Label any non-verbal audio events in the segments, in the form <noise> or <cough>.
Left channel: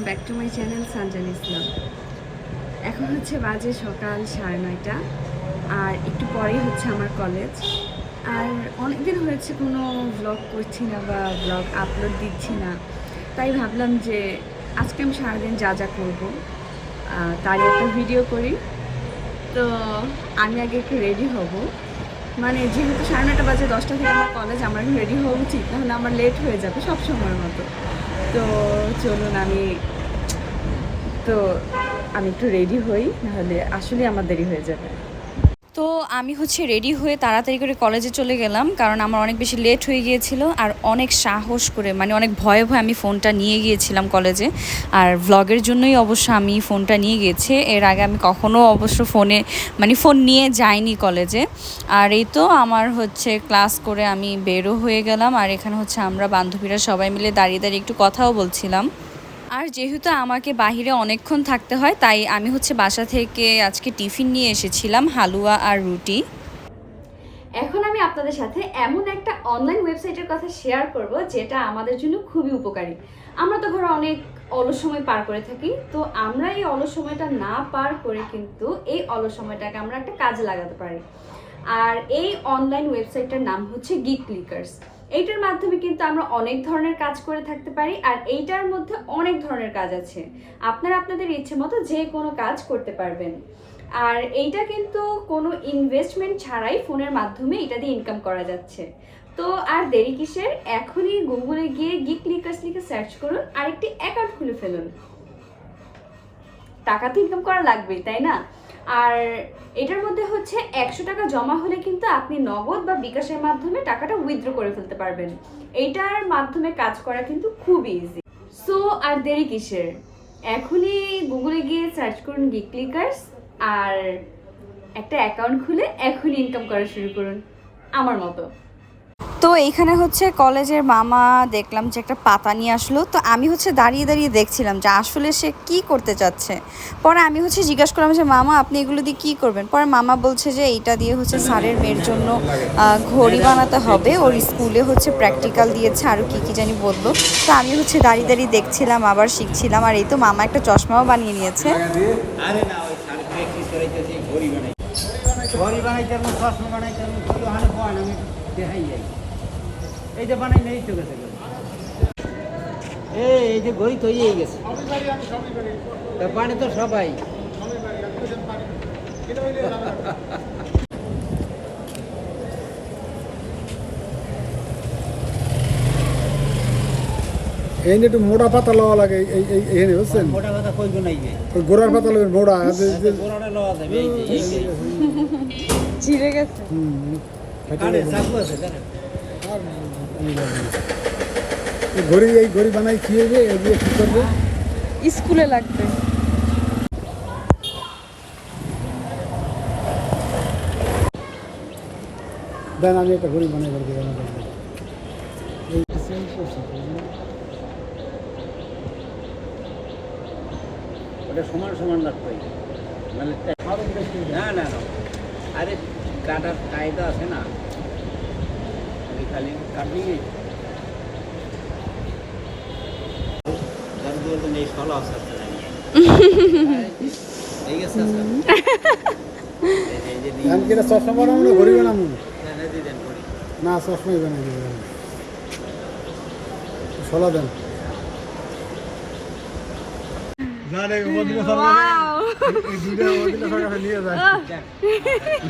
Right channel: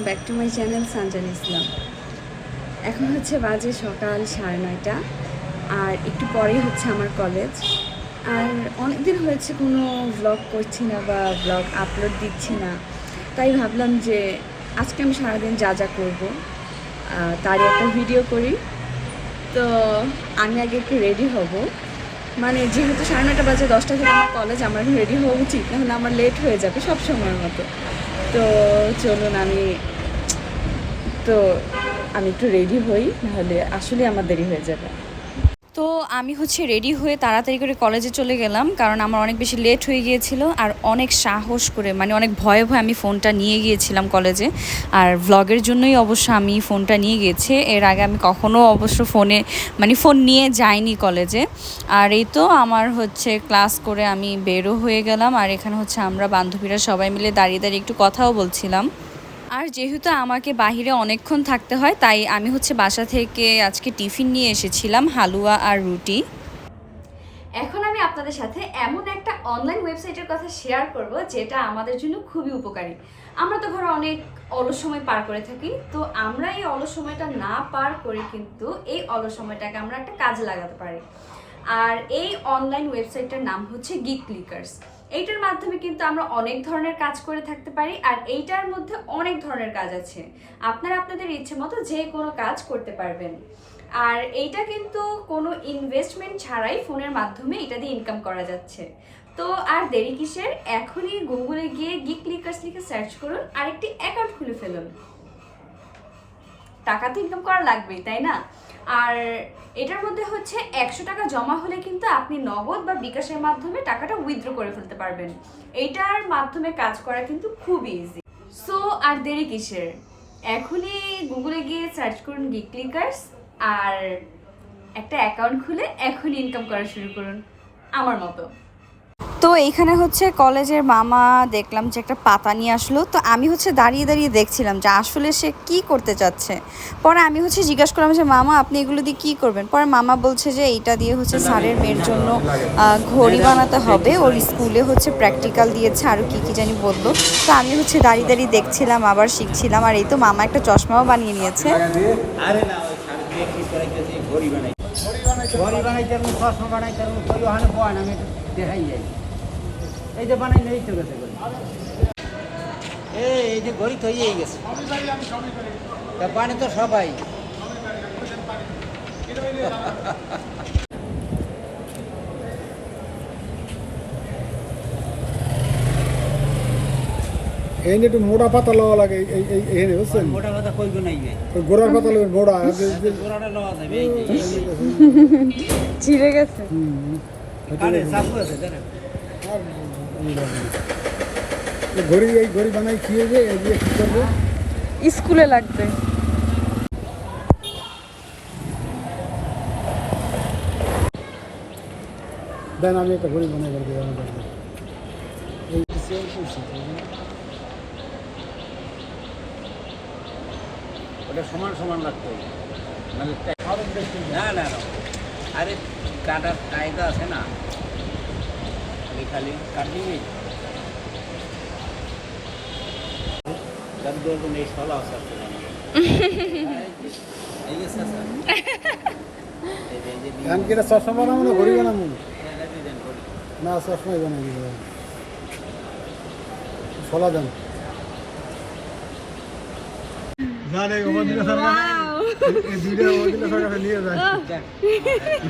Welcome back to my channel Sanjan Islam এখন হচ্ছে বাজে সকাল সাড়ে নয়টা, আর একটু পরেই হচ্ছে আমার কলেজ আর অনেক দিন হয়েছে কোনো ব্লগ করছি না বা ব্লগ আপলোড দিচ্ছি না। তাই ভাবলাম যে আজকে আমি সারাদিন যা যা করব তারই একটা ভিডিও করি। তো আমি আগে একটু রেডি হব। মানে যেহেতু সাড়ে নটা বাজে, দশটা থেকে আমার কলেজ আমার রেডি হওয়া উচিত, নাহলে আমার লেট হয়ে যাবে সব সময়ের মতো। তো চলুন আমি তো আমি একটু রেডি হই নাহলে আসলে আমার দেরি হয়ে যাবে। তো আমি হচ্ছে রেডি হয়ে তাড়াতাড়ি করে কলেজে চলে গেলাম, কারণ আমার অনেক বেশি লেট হয়ে গিয়েছিল আর অনেক সাহস করে মানে অনেক ভয়ে ভয়ে আমি ফোনটা নিয়ে গিয়েছিলাম কলেজে আর ভ্লগের জন্যই অবশ্য আমি ফোনটা নিয়ে গিয়েছি, এর আগে আমি কখনো অবশ্য ফোনে মানে ফোন নিয়ে যাইনি কলেজে আর এই তো আমার হচ্ছে ক্লাস করে আমি বেরো হয়ে গেলাম, আর এখানে হচ্ছে আমরা বান্ধবীরা সবাই মিলে দাঁড়িয়ে দাঁড়িয়ে একটু কথাও বলছিলাম। আর যেহেতু আমাকে বাহিরে অনেকক্ষণ থাকতে হয়, তাই আমি হচ্ছে বাসা থেকে আজকে টিফিন নিয়ে এসেছিলাম, হালুয়া আর রুটি। এখন আমি আপনাদের সাথে এমন একটা অনলাইন ওয়েবসাইটের কথা শেয়ার করব, যেটা আমাদের জন্য খুবই উপকারী। আমরা তো ঘরে অনেক অলস সময় পার করে থাকি, তো আমরা এই অলস সময়টা না পার করে কিন্তু এই অলস সময়টাকে আমরা একটা কাজে লাগাতে পারি। আর এই অনলাইন ওয়েবসাইটটার নাম হচ্ছে গিক ক্লিকার্স এইটার মাধ্যমে কিন্তু আমরা অনেক ধরনের কাজ করে থাকতে পারি আর এইটার মধ্যে অনেক ধরনের কাজ আছে। আপনারা আপনাদের ইচ্ছে মতো যে কোনো কাজ করতে পারবেন। আর এইটা কিন্তু কোনো ইনভেস্টমেন্ট ছাড়াই ফোনের মাধ্যমে এটা দিয়ে ইনকাম করা যাচ্ছে। তো আর দেরি কিসের? এখনই গুগলে গিয়ে গিক লিকার্স লিখে সার্চ করুন আর একটি অ্যাকাউন্ট খুলে ফেলুন। টাকা তো ইনকাম করা লাগবেই, তাই না? আর এটার মধ্যে হচ্ছে একশো টাকা জমা হলে কিন্তু আপনি নগদ বা বিকাশের মাধ্যমে টাকাটা উইথড্র করে ফেলতে পারবেন। এইটার মাধ্যমে কাজ করা কিন্তু খুব ইজি সো আর দেরি কিসের? এখনই গুগলে গিয়ে সার্চ করুন গিকলিকার্স আর একটা অ্যাকাউন্ট খুলে এখনই ইনকাম করা শুরু করুন। আমার মতো। তো এইখানে হচ্ছে কলেজের মামা দেখলাম যে একটা পাতা নিয়ে আসলো। তো আমি হচ্ছে দাঁড়িয়ে দাঁড়িয়ে দেখছিলাম যে আসলে সে কি করতে চাচ্ছে। পরে আমি হচ্ছে জিজ্ঞাসা করলাম যে, মামা, আপনি এগুলো দিয়ে কি করবেন? পরে মামা বলছে যে, এইটা দিয়ে হচ্ছে স্যারের মেয়ের জন্য ঘড়ি বানাতে হবে। ওর স্কুলে হচ্ছে প্র্যাকটিক্যাল দিয়েছে আরও কী কী জানি বলল। তো আমি হচ্ছে দাঁড়িয়ে দাঁড়িয়ে দেখছিলাম, আবার শিখছিলাম। আর এই তো মামা একটা চশমাও বানিয়ে নিয়েছে। আরে ঘড়ি চশমা দেখাই যাই। এই যে বানাই এই তো গেছে ঘড়ি। এই এই যে ঘড়ি তৈরি গেছে। তা বানে তো সবাই। এই একটু মোটা পাতা লওয়া লাগে এই এই এখানে বুঝছেন? মোটা নাই ওই গোড়ার পাতা লবেন মোটা আর যে- যে- পুরাটা লওয়া যাবে এই যে, এই যে। ছিঁড়ে গেছে। হুম, ঘড়ি এই ঘড়ি বানাই হইবে? এই দিয়ে কি করবে? স্কুলে লাগবে। দেন আমি একটা ঘড়ি বানাই এই করছি? জন্য। ওটা সমান সমান রাখতে হবে মানে না না না। আরে কাটার কায়দা আছে না? খালি খালি কাটলি চশমা বানাবো ঘড়ি বানাবো? এটা দিয়ে দেন করি না চশমাই বানাই দিবে সলা দেন। না না ওই দিকে এই দুইটা ওই দিকে সরকার নিয়ে যায়।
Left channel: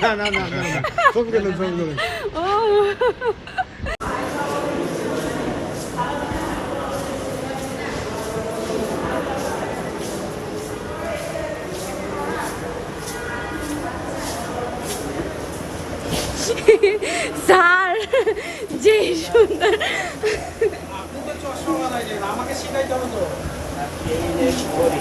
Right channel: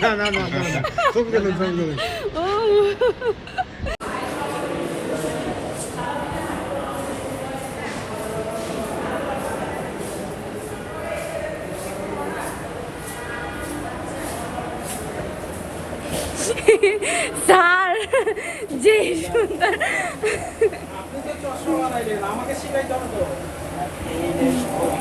না না না না না সব গেলেন সব গেলেন স্যার যে সুন্দর এই যে করি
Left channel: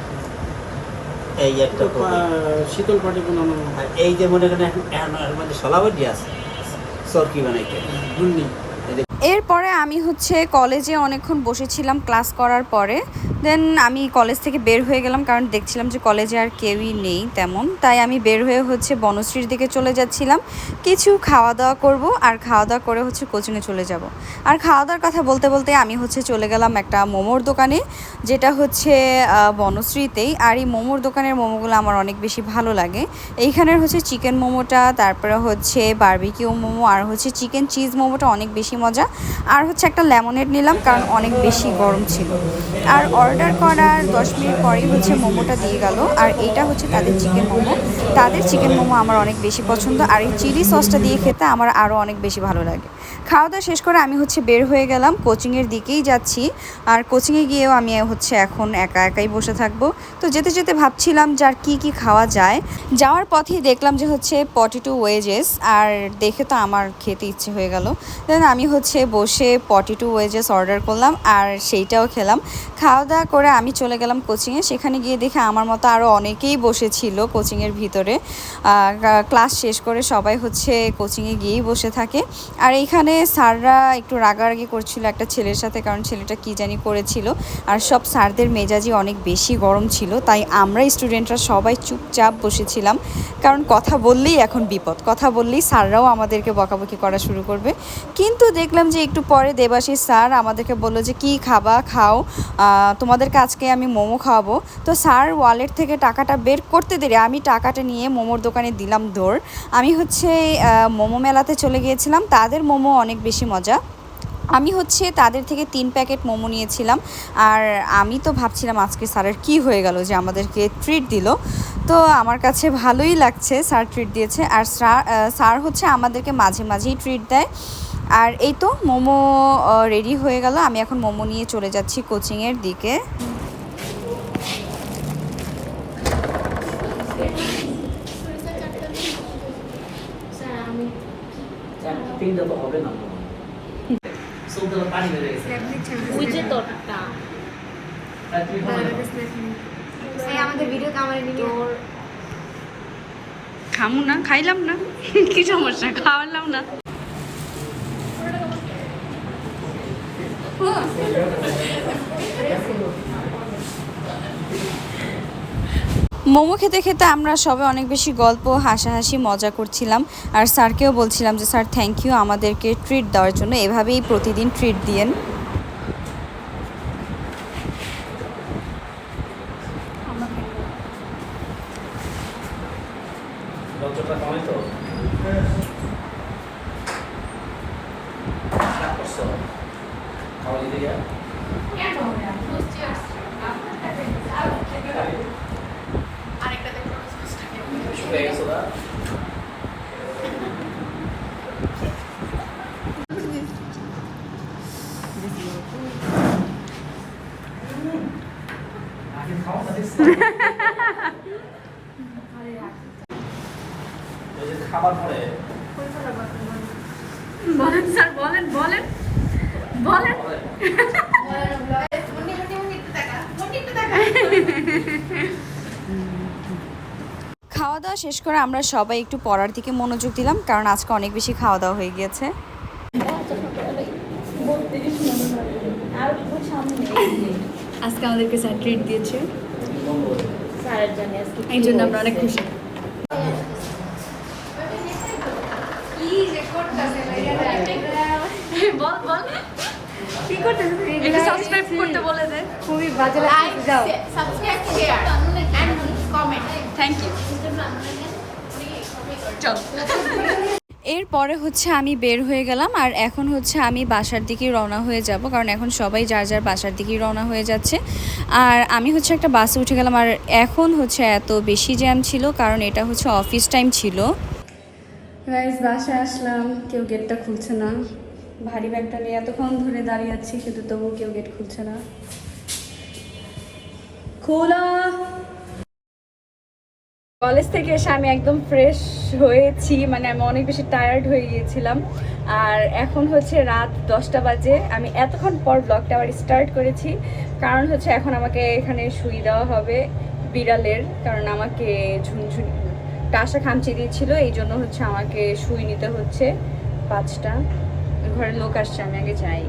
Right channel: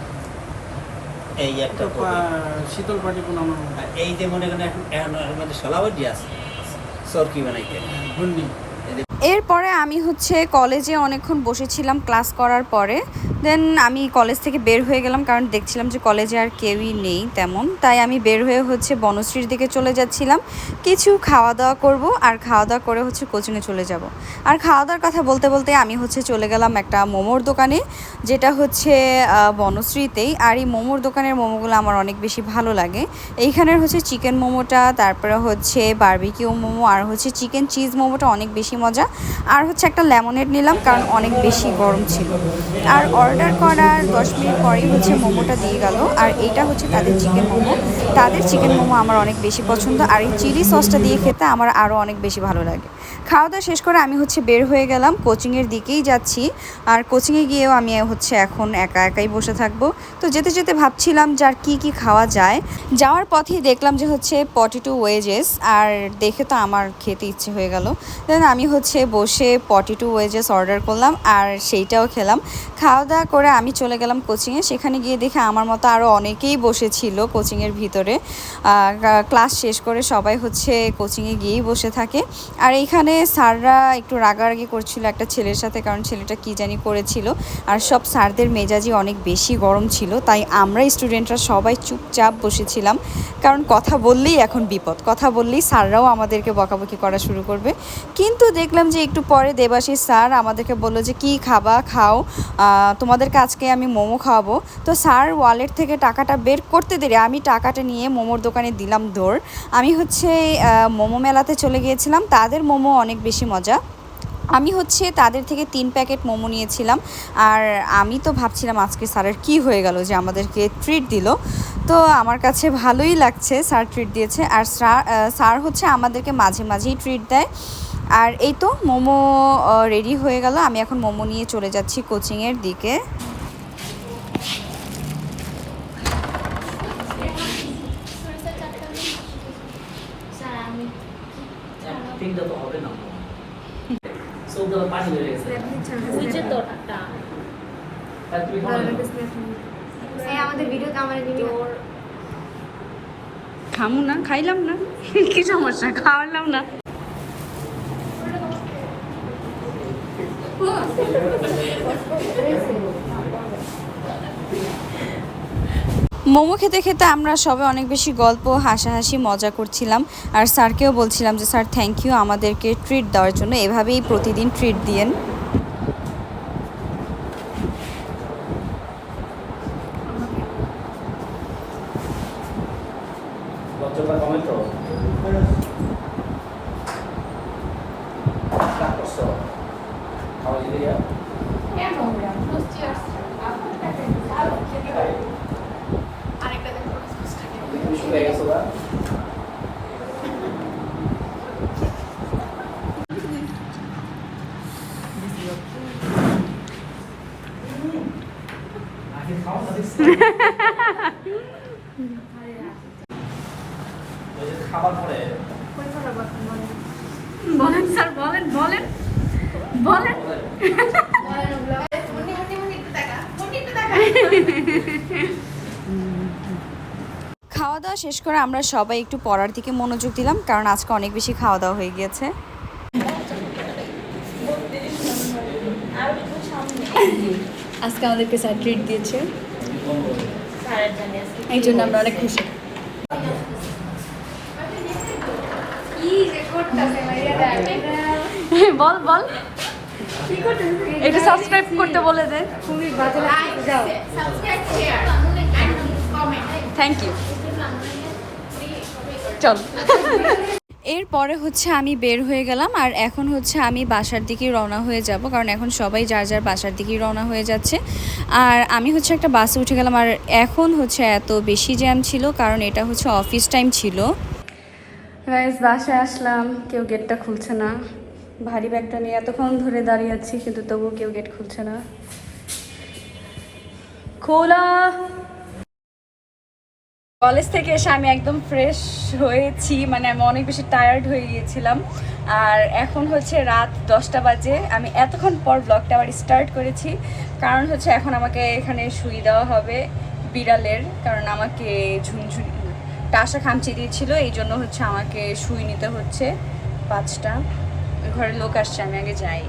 এই একটা শীতল পাটি বানানো আর এই যে মনে করেন এখন এর মধ্যে সলাবটি আছে সরকি বানাইতে। ঘূর্ণি এরপরে আমি হচ্ছে কলেজে অনেকক্ষণ বসেছিলাম ক্লাস করার পরে। দেন আমি কলেজ থেকে বের হয়ে গেলাম কারণ দেখছিলাম যে কলেজে আর কেউই নেই তেমন। তাই আমি বের হয়ে হচ্ছে বনশ্রীর দিকে চলে যাচ্ছিলাম। কিছু খাওয়া দাওয়া করব আর খাওয়া দাওয়া করে হচ্ছে কোচিংয়ে চলে যাব। আর খাওয়া দাওয়ার কথা বলতে বলতে আমি হচ্ছে চলে গেলাম একটা মোমোর দোকানে, যেটা হচ্ছে বনশ্রীতেই। আর এই মোমোর দোকানের মোমোগুলো আমার অনেক বেশি ভালো লাগে। এইখানের হচ্ছে চিকেন মোমোটা, তারপরে হচ্ছে বারবিকিউ মোমো, আর হচ্ছে চিকেন চিজ মোমোটা অনেক বেশি মজা। আর হচ্ছে একটা লেমনেড নিলাম, কারণ অনেক বেশি গরম ছিল। আর অর্ডার করার দশ মিনিট পরেই হচ্ছে মোমোটা দিয়ে গেল। আর এইটা হচ্ছে তাদের চিকেন মোমো। তাদের চিকেন মোমো আমার অনেক বেশি পছন্দ। আর এই চিলি সসটা দিয়ে খেতে আমার আরও অনেক বেশি ভালো লাগে। খাওয়া দাওয়া শেষ করে আমি হচ্ছে বের হয়ে গেলাম, কোচিংয়ের দিকেই যাচ্ছি। আর কোচিংয়ে গিয়েও আমি হচ্ছে এখন একা একাই বসে থাকব। তো যেতে যেতে ভাবছিলাম যে আর কী কী খাওয়া যায়। যাওয়ার পথেই দেখলাম যে হচ্ছে পটেটো ওয়েজেস আর দেখে তো আমার খেতে ইচ্ছে হয়ে গেল। দেন আমি হচ্ছে বসে পটেটো ওয়েজেস অর্ডার করলাম, আর সেইটাও খেলাম। খাওয়া দাওয়া করে আমি চলে গেলাম কোচিংয়ে। সেখানে গিয়ে দেখে আমার মতো আরও অনেকেই বসেছিল কোচিংয়ের ভিতরে। ক্লাস শেষ করে সবাই হচ্ছে কোচিংয়ে গিয়েই বসে থাকে। আর এইখানে স্যাররা একটু রাগারাগি করছিল একটা ছেলের সাথে, কারণ ছেলেটা কি জানি করেছিল। আর সব স্যারদের মেজাজই অনেক বেশি গরম ছিল, তাই আমরা স্টুডেন্টরা সবাই চুপচাপ বসেছিলাম। কারণ কথা বললেই এখন বিপদ, কথা বললেই স্যাররাও আমাদেরকে বকাবকি করা শুরু করবে। কিন্তু দেখলাম যে একটু পরে দেবাশী স্যার আমাদেরকে বলল যে, কি খাবা? খাও। তোমাদেরকে আজকে আমি মোমো খাওয়াবো। তো স্যার ওয়ালেট থেকে টাকাটা বের করতে দেরি, আমি টাকাটা নিয়ে মোমোর দোকানে দিলাম দৌড়। আমি হচ্ছে মোমো মেলাতে চলে গিয়েছিলাম। তাদের মোমো অনেক বেশি মজা। আমি হচ্ছে তাদের থেকে তিন প্যাকেট মোমো নিয়েছিলাম। আর আমি তো ভাবছিলাম আজকে স্যারের কি হয়ে গেল যে আমাদেরকে ট্রিট দিল। তো আমার কাছে ভালোই লাগছে স্যার ট্রিট দিয়েছে। আর স্যার হচ্ছে আমাদেরকে মাঝে মাঝেই ট্রিট দেয়। আর এই তো মোমো রেডি হয়ে গেল। আমি এখন মোমো নিয়ে চলে যাচ্ছি কোচিংয়ের দিকে। খামু না, খাইলাম না। <laughs> কি সমস্যা? খাওয়ালাম না। মোমো খেতে খেতে আমরা সবাই অনেক বেশি গল্প, হাসাহাসি, মজা করছিলাম। আর স্যারকেও বলছিলাম যে, স্যার থ্যাংক ইউ আমাদেরকে ট্রিট দেওয়ার জন্য। এভাবেই প্রতিদিন ট্রিট দিয়েন। খাওয়া দাওয়া শেষ করে আমরা সবাই একটু পড়ার দিকে মনোযোগ দিলাম, কারণ আজকে অনেক বেশি খাওয়া দাওয়া হয়ে গিয়েছে। আজকে আমাদেরকে স্যার ট্রিট দিয়েছে। এই জন্য আমরা অনেক খুশি। বল বল। এটা সাবস্ক্রাইব করতে বলে দেয় খুবই বাজে লাগছে যাও। থ্যাংক ইউ চল। <laughs> এরপরে হচ্ছে আমি বের হয়ে গেলাম আর এখন হচ্ছে আমি বাসার দিকেই রওনা হয়ে যাব, কারণ এখন সবাই যার যার বাসার দিকেই রওনা হয়ে যাচ্ছে। আর আমি হচ্ছে একটা বাসে উঠে গেলাম আর এখন হচ্ছে এত বেশি জ্যাম ছিল, কারণ এটা হচ্ছে অফিস টাইম ছিল। বাসায় আসলাম, কেউ গেটটা খুলছে না। ভারী ব্যাগটা নিয়ে এতক্ষণ ধরে দাঁড়িয়ে আছি, কিন্তু তবুও কেউ গেট খুলছে না। খোলা! কলেজ থেকে এসে আমি একদম ফ্রেশ হয়েছি মানে আমি অনেক বেশি টায়ার্ড হয়ে গিয়েছিলাম। আর এখন হচ্ছে রাত দশটা বাজে। আমি এতক্ষণ পর ব্লগটা আবার স্টার্ট করেছি। কারণ হচ্ছে এখন আমাকে এখানে শুই দেওয়া হবে বিড়ালের, কারণ আমাকে ঝুনঝুনি, টাসা খামচি দিয়েছিল, এই জন্য হচ্ছে আমাকে শুই নিতে হচ্ছে। পাঁচটা। ঘরের লোক আসছে, আমি আগে যাই।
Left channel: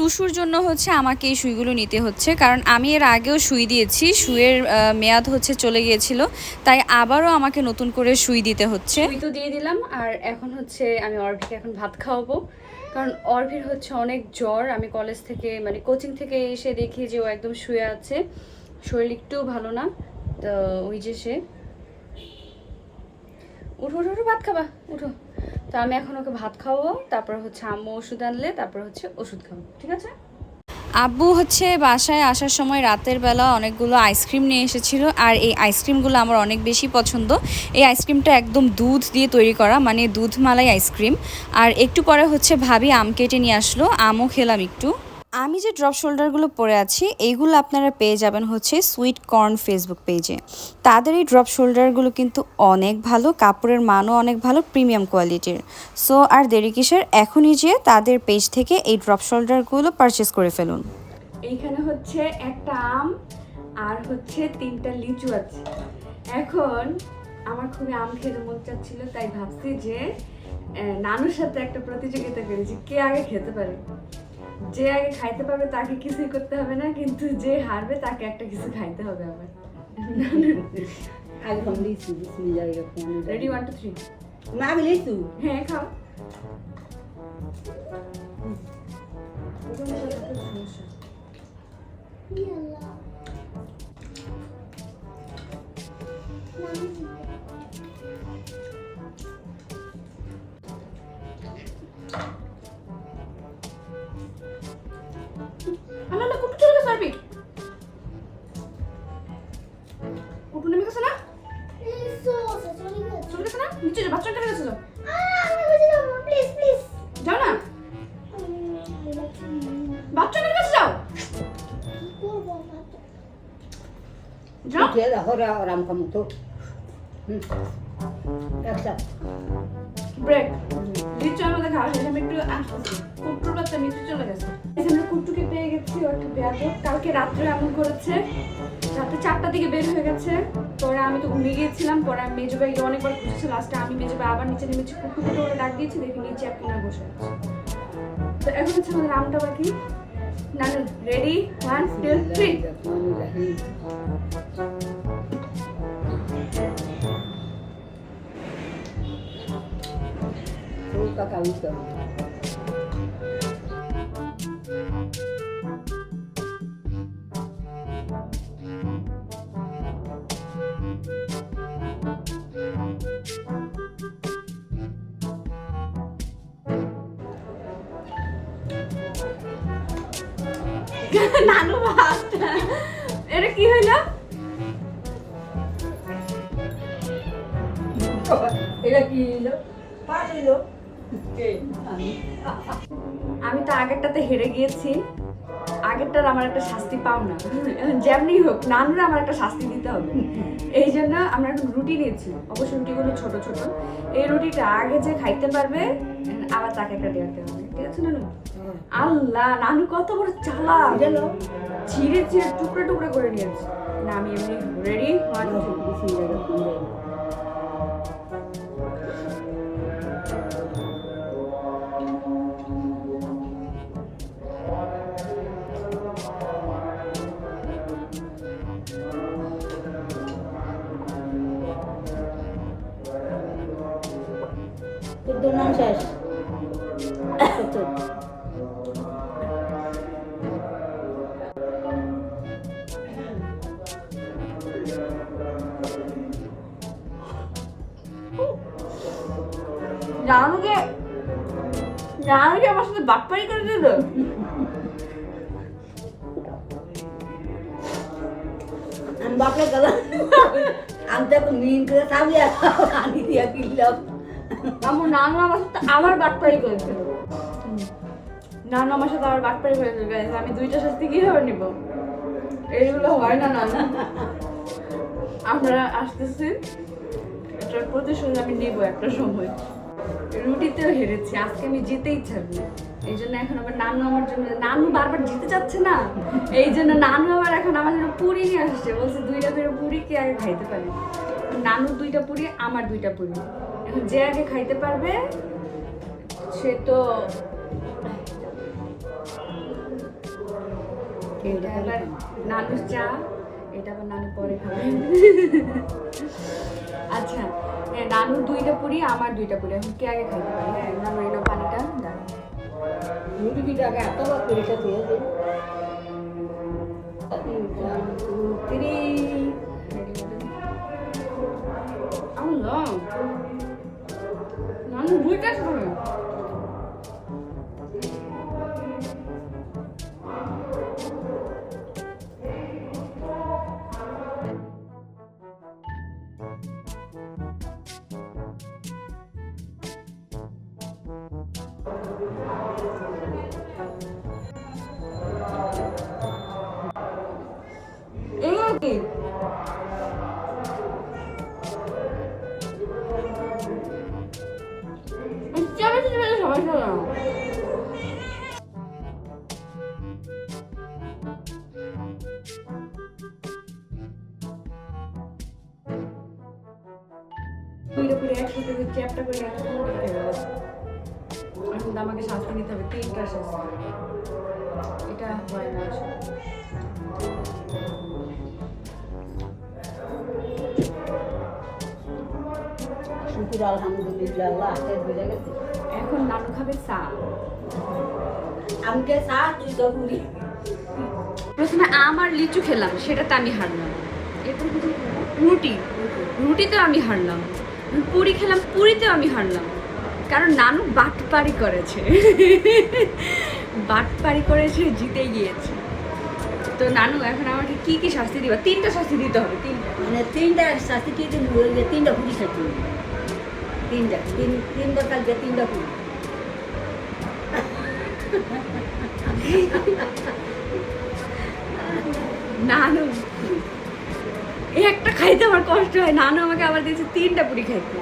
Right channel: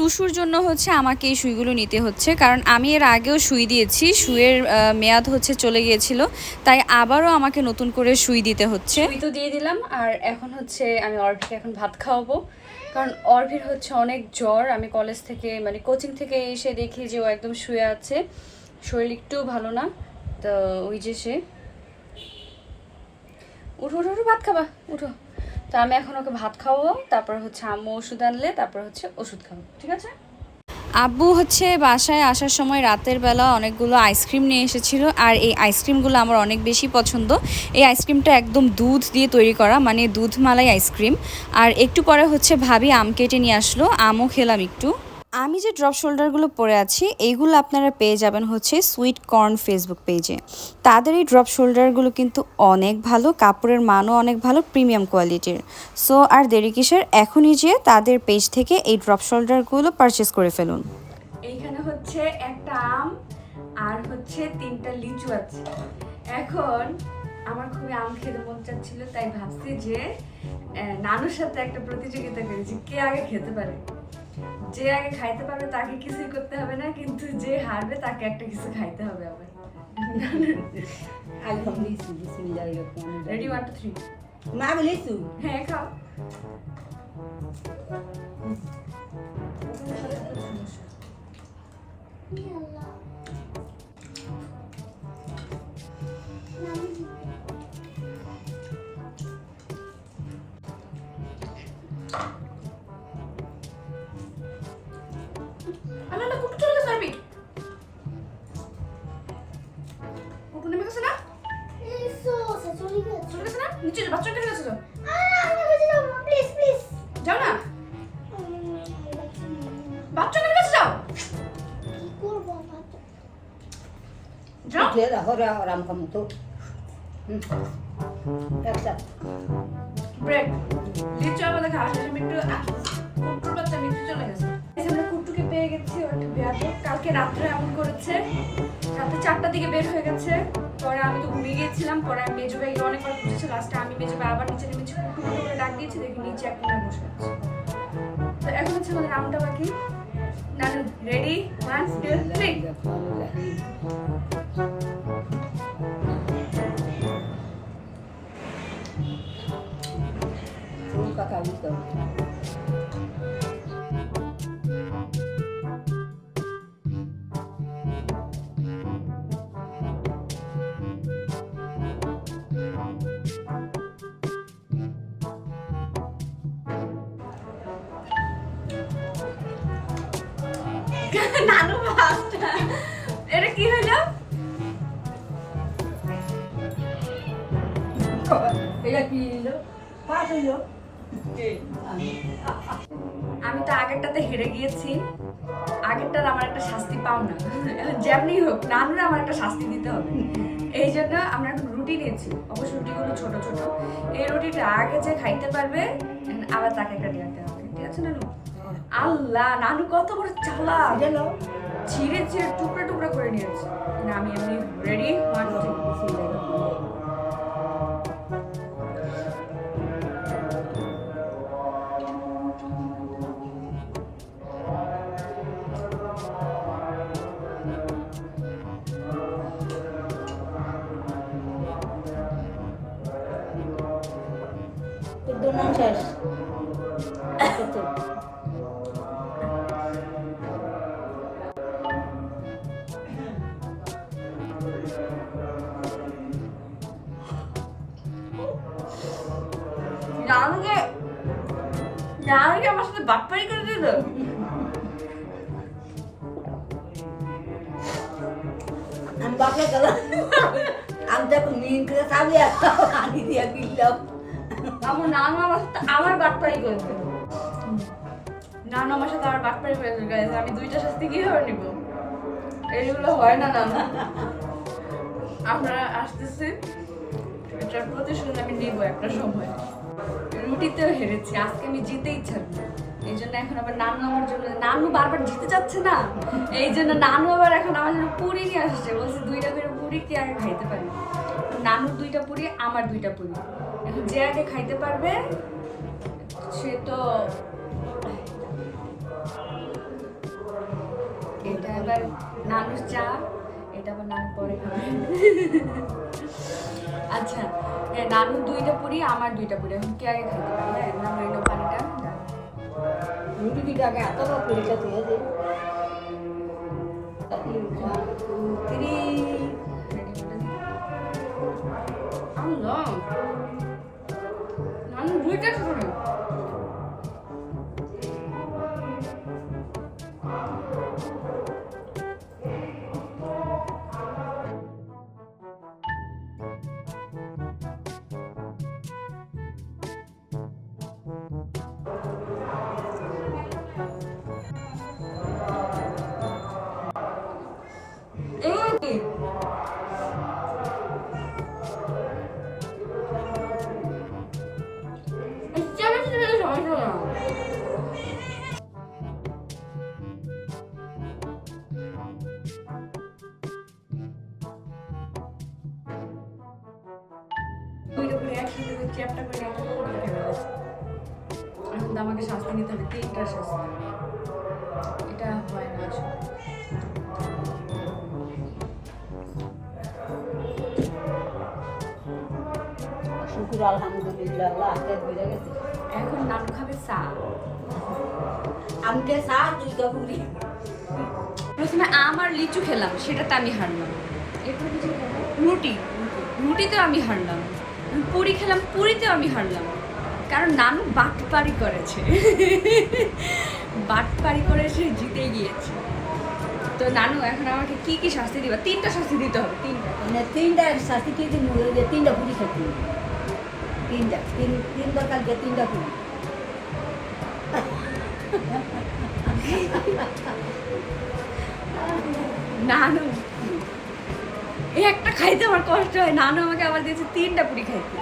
টুসুর জন্য হচ্ছে আমাকে এই সুইগুলো নিতে হচ্ছে। কারণ আমি এর আগেও সুই দিয়েছি, সুইয়ের মেয়াদ হচ্ছে চলে গিয়েছিল। তাই আবারও আমাকে নতুন করে সুই দিতে হচ্ছে। শুই তো দিয়ে দিলাম, আর এখন হচ্ছে আমি অর্ভিকে এখন ভাত খাওয়াবো। কারণ অর্ভির হচ্ছে অনেক জ্বর। আমি কলেজ থেকে মানে কোচিং থেকে এসে দেখি যে ও একদম শুয়ে আছে। শরীর একটু ভালো না, তো ওই যে সে। উঠো উঠো উঠো, ভাত খাবা, উঠো। তো আমি এখন ওকে ভাত খাওয়াবো, তারপর হচ্ছে আম্মু ওষুধ আনলে, তারপর হচ্ছে ওষুধ খাব, ঠিক আছে? আব্বু হচ্ছে বাসায় আসার সময় রাতের বেলা অনেকগুলো আইসক্রিম নিয়ে এসেছিল, আর এই আইসক্রিমগুলো আমার অনেক বেশি পছন্দ। এই আইসক্রিমটা একদম দুধ দিয়ে তৈরি করা মানে দুধ মালাই আইসক্রিম। আর একটু পরে হচ্ছে ভাবি আম কেটে নিয়ে আসলো, আমও খেলাম একটু। আমি যে ড্রপ শোল্ডারগুলো পরে আছি, এইগুলো আপনারা পেয়ে যাবেন হচ্ছে সুইট কর্ন ফেসবুক পেজে তাদের এই ড্রপ শোল্ডারগুলো কিন্তু অনেক ভালো, কাপড়ের মানও অনেক ভালো প্রিমিয়াম কোয়ালিটির সো আর দেরি কিসের, এখনই যে তাদের পেজ থেকে এই ড্রপ শোল্ডারগুলো পারচেস করে ফেলুন। এইখানে হচ্ছে একটা আম, আর হচ্ছে তিনটা লিচু আছে। এখন আমার খুবই আম খেতে মন চাচ্ছিল, তাই ভাবছি যে নানুর সাথে একটা প্রতিযোগিতা করি যে কে আগে খেতে পারে। যে আগে খাইতে পারবে তাকে কিছুই করতে হবে না কিন্তু যে হারবে তাকে একটা কিছু খাইতে হবে আবার। আলহাম লিচু বিসমিল্লাহির রহমানির রেডি রহিম ওয়ান টু থ্রি মা আমি লিচু হ্যাঁ খাও। আল্লাহ নিচে বাচ্চা চলে গেছে যাও না। বাচ্চাদের কাছে যাও। যাও। উঠে হরে আরাম কম তো। একটা ব্রেড আমাদের শেষ আমি একটু নিচে চলে গেছে। আমরা কুট্টুকে পেয়ে গেছি ও একটু কালকে রাত্রে এমন করেছে। রাতে চারটার দিকে বের হয়ে গেছে। পরে আমি তো ঘুমিয়ে গিয়েছিলাম। পরে আমি মেজো ভাইকে অনেকবার খুঁজছি লাস্টে আমি মেজো ভাই আবার নিচে নেমেছি কুট্টু কুট্টু বলে ডাক দিয়েছি দেখি নিচে এক কোনায় বসে আছে। তো এখন হচ্ছে আমাদের আমটা বাকি না রেডি ওয়ান টু থ্রি কথা উঠতে নানু ভাতটা। এটা কি হইল এটা কি আমি তো আগেরটাতে হেরে গিয়েছি। আগেরটার আমার একটা শাস্তি পাও না। যেমনি হোক নানরা আমার একটা শাস্তি দিতে হবে। এই জন্য আমরা একটা রুটি নিয়েছি। অবশ্য রুটিগুলো ছোট ছোট। এই রুটিটা আগে যে খাইতে পারবে আবার তাকে একটা দেওয়াতে হবে। ঠিক আছে নানু? আল্লাহ নানু কত বড় চালা গেলো ছিঁড়ে ছিঁড়ে টুকরো টুকরো করে নিয়েছি না আমি এমনি রেডি বিসমিল্লাহির রহমানির বাপ্পারি করে দিল? আমি বাপরে গেলাম আমি তো মিন করে খাবি আনি দিয়া কিনলাম আমার নানু আমার সাথে আবার বাটপাড়ি করে দিল। নানু আমার সাথে আবার বাটপাড়ি করে দিল। আমি দুইটা শাস্তি কীভাবে নিব? এইগুলো হয় না, নানু। আপনারা আসতেছে এটার প্রতিশোধ আমি নিব একটা সময়। রুটিতেও হেরেছি। আজকে আমি জিতেই ছাড়বো এই জন্য এখন আবার নানু আমার জন্য নানু বারবার জিতে যাচ্ছে না? এই জন্য নানু আবার এখন আমার জন্য পুরি নিয়ে আসছে। বলছে, দুইটা করে পুরি কে আগে খাইতে পারে? নানুর দুইটা পুরি, আমার দুইটা পুরি। এখন যে আগে খাইতে পারবে, সে তো এটা এবার নানুর চা। এটা আবার নানু পরে খাবে আচ্ছা হ্যাঁ নানুর দুইটা পুরি আমার দুইটা পুরি। এখন কে আগে খাইতে পারে? হ্যাঁ নানু এলো পানিটা দাও। রুটি আগে এত লোক করে থ্রি আল্লাহ নানু দুইটা খাবে শুকুর, আলহামদুলিল্লাহ এখন নানু খাবে চা। আমকে চা, তুই তো পুরি প্রথমে আম আর লিচু খেলাম সেটাতে আমি হারলাম। এরপর কিছু রুটি। রুটিতে আমি হারলাম। পুরি খেলাম পুরিতেও আমি হারলাম। কারণ নানু বাটপারি করেছে। বাটপারি করে সে জিতে গিয়েছে। তো নানু, এখন আমাকে কি কি শাস্তি দিবা? তিনটা শাস্তি দিতে হবে, তিনটা। মানে তিনটা শাস্তি কি তিনটা পুরি খাচ্ছি তিনটা তিন তিনটা কালকে তিনটা পুরি নানু। এই একটা খাইতে আমার কষ্ট হয়। নানু আমাকে আবার দিয়েছে তিনটা পুরি খাইতে।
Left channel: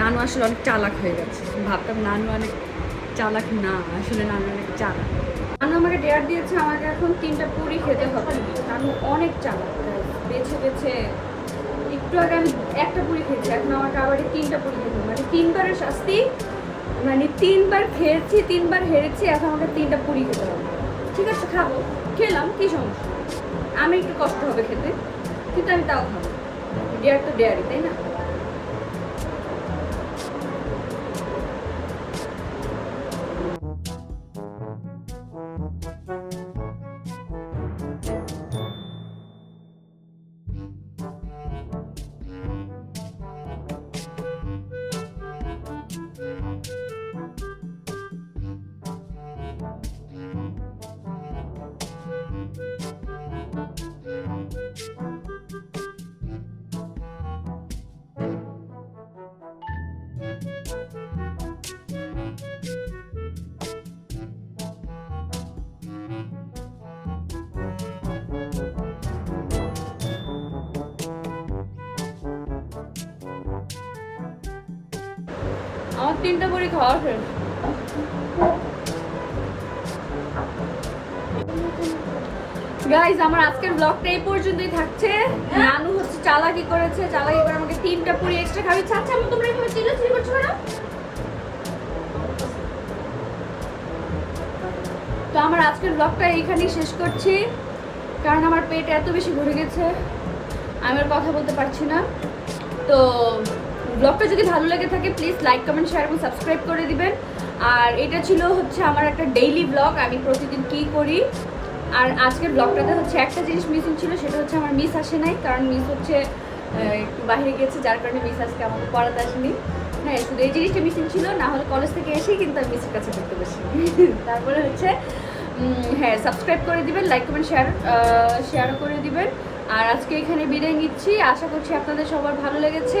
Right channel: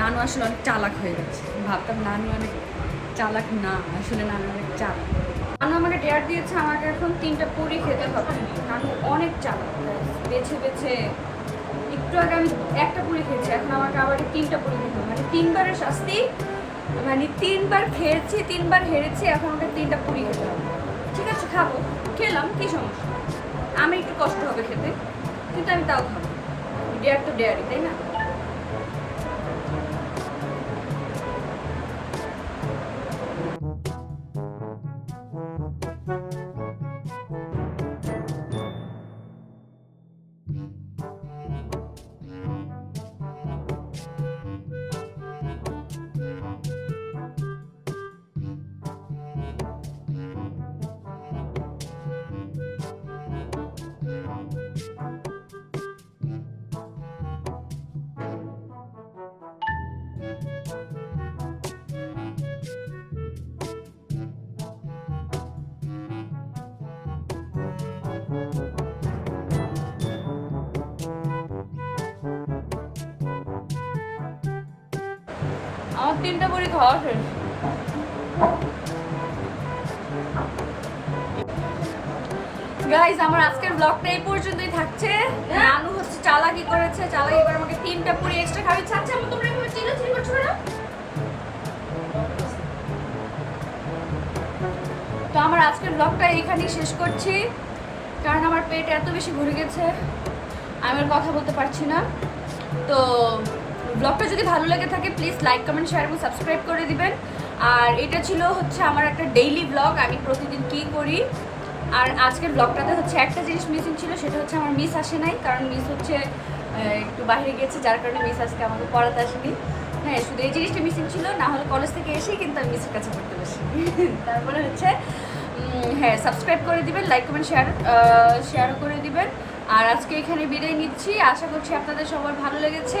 নানু আসলে অনেক চালাক হয়ে গেছে। ভাবতাম নানু অনেক চালাক না, আসলে নানু অনেক চালাক। নানু আমাকে ডেয়ার দিয়েছে আমাকে এখন তিনটা পুরি খেতে হবে। নানু অনেক চালাক বেছে বেছে একটু আগে আমি একটা পুরি খেয়েছি, এখন আমাকে আবার তিনটা পুরি খেতে মানে তিনবারের শাস্তি মানে তিনবার খেয়েছি, তিনবার হেরেছি, এখন আমাকে তিনটা পুরি খেতে হবে। ঠিক আছে, খাব। খেলাম, কি সমস্যা? আমি একটু কষ্ট হবে খেতে, কিন্তু আমি তাও খাব। ডেয়ার তো ডেয়ারি তাই না? তিনটা পুরি খাওয়া শেষ। গাইজ আমার আজকের ব্লগটা এই পর্যন্তই থাকছে। নানু হচ্ছে চালাকি করেছে, চালাকি করে আমাকে তিনটা পুরি এক্সট্রা খাবি। ছাড়ছে আমি তোমরা এভাবে চিল্লাচিল্লি করছ কেন? তো আমার আজকের ব্লগটা এইখানেই শেষ করছি। কারণ আমার পেট এত বেশি ভরে গেছে, আমি আর কথা বলতে পারছি না। তো ব্লগটা যদি ভালো লেগে থাকে প্লিজ লাইক কমেন্ট শেয়ার এবং সাবস্ক্রাইব করে দিবেন। আর এটা ছিল হচ্ছে আমার একটা ডেইলি ব্লগ আমি প্রতিদিন কী করি? আর আজকের ব্লগটাতে হচ্ছে একটা জিনিস মিসিং ছিল, সেটা হচ্ছে আমার মিস আসে নাই, কারণ মিস হচ্ছে একটু বাইরে গেছে, যার কারণে মিস আজকে আমাকে পড়াতে আসেনি। হ্যাঁ শুধু এই জিনিসটা মিসিং ছিল, না হলে কলেজ থেকে এসেই কিন্তু আমি মিসের কাছে পড়তে বসি। <laughs> তারপরে হচ্ছে হ্যাঁ সাবস্ক্রাইব করে দিবেন লাইক কমেন্ট শেয়ার শেয়ারও করে দিবেন। আর আজকে এখানে বিদায় নিচ্ছি, আশা করছি আপনাদের সবার ভালো লেগেছে।